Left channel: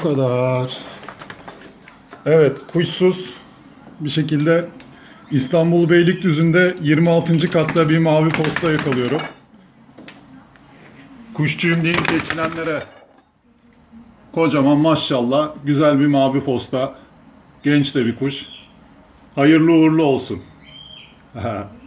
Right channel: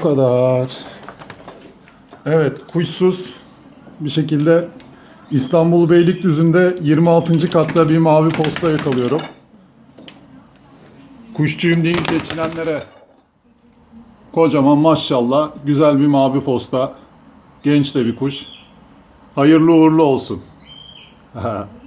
kadar. Evet, kuşsuz bir şekilde İstanbul Beylikdüzü'nde 26. katta bir mavi posta yakalıyorum. Kuşçuyum deyip geçinenlere kocaman maşallah güzel bir mavi posta. Genç de bir kuş. Hayırlı uğurlu olsun.